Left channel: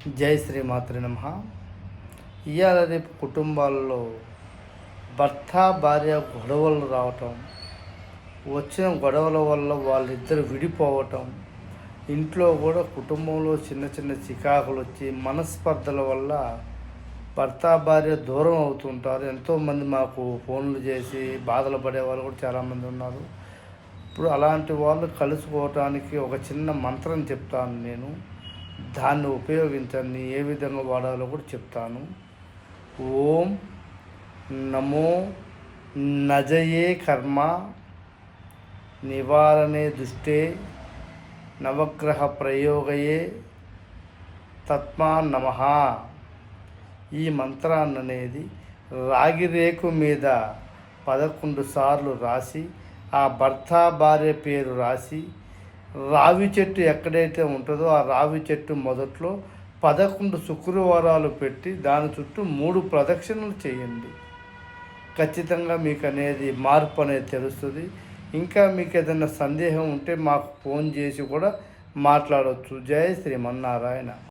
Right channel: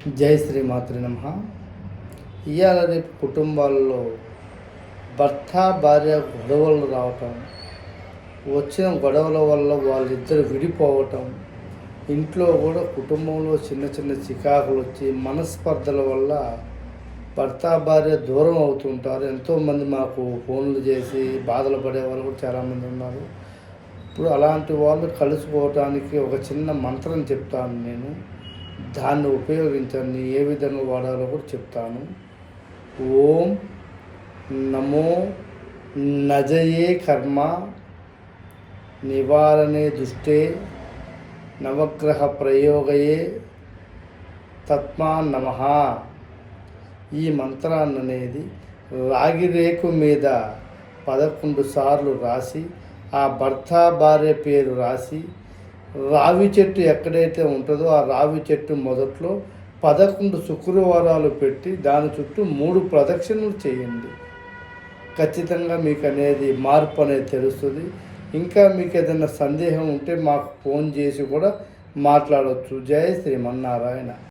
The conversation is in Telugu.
జై శ్రీమాతృ నమః. ఇవాళ రేపు కుటుంబాల్లో భర్త భార్య గొడవలు రావటం, వచ్చిన గొడవల వల్ల వాళ్ళిద్దరు విడిపోవటం, ఇంట్లో కూడా కుటుంబంలో చిన్న చిన్న చికాకులు వచ్చి మనస్పర్ధల వల్ల భర్త భార్య దూరం అవుతుంటారు. ఎంతోమంది మాకు ఫోన్లు చేసి బాధలు పడే వాళ్ళు కూడా చాలామంది ఉన్నారు. ఇప్పుడు అలాంటి వాళ్ళు కలుసుకోవటానికి ఒక చిన్న మంత్రం చెప్తాను నేను. దాన్ని ఉపయోగించండి, ఏ విధంగా వాడాలో కూడా చెప్తాను. ఓం నమో నజయే కర్మ నివారణే దుష్టే నవగ్రహ ప్రయోగయే తత్మా నమః. ఈ మంత్రాన్ని అనేది రాగి రేకు మీద 11 సార్లు రాసి, ఆ భర్త భార్య పేరు రాసి, రావి చెట్టు ఎక్కడైతే ఉంటుందో ఆ రావి చెట్టు మొదట్లో 11 శుక్రవారాలు పెట్టి దాని చుట్టూ 3 ప్రదక్షిణలు చేయండి. ఖచ్చితంగా మీకు అనేది మార్పు అనేది తెలుస్తుంది. ఇంకా మీకు ఏదైనా సందేహం ఉంటే మాకు ఫోన్ చేసి కూడా మాట్లాడవచ్చు. జై శ్రీమన్నారాయణ.